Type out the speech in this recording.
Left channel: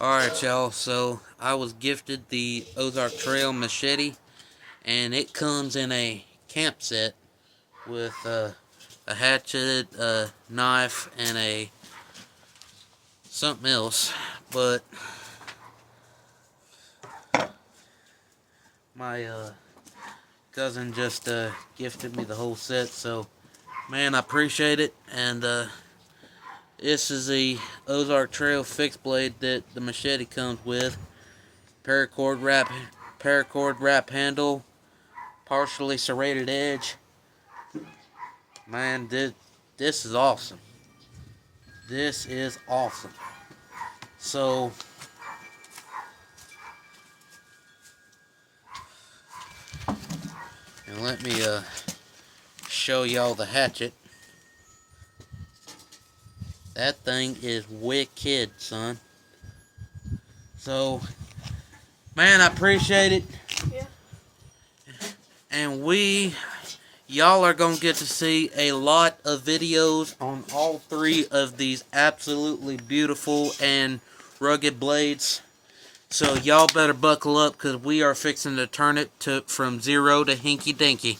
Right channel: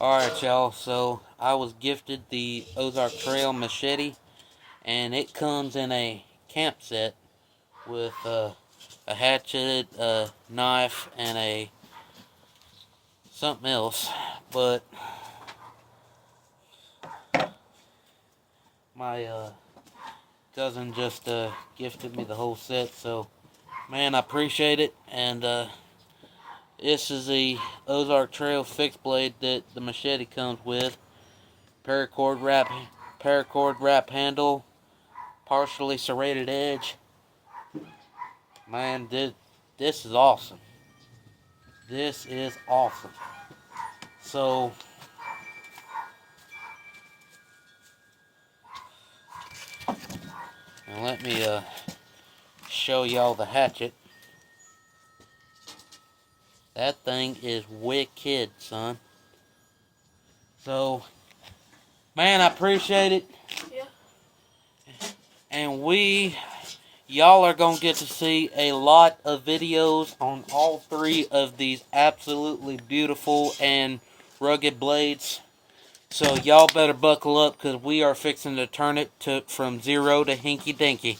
Alright, y'all, so I was gifted the Ozark Trail machete, and it comes in a camp set with a hatchet, a knife, and a something else. But my cousin just gifted me the whole set, so man, I appreciate it. And this is the Ozark Trail fixed blade that the machete comes with. Paracord wrap handle, partially serrated edge. Man, this is awesome. This is awesome. So, and let me show y'all the hatchet. That thing is wicked, son. So, man, I appreciate it. Yeah. And y'all are going to get to see a lot of videos on all three of these absolutely beautiful and rugged blades. So y'all better buckle up, because we are fixing to turn it from zero to hinky dinky.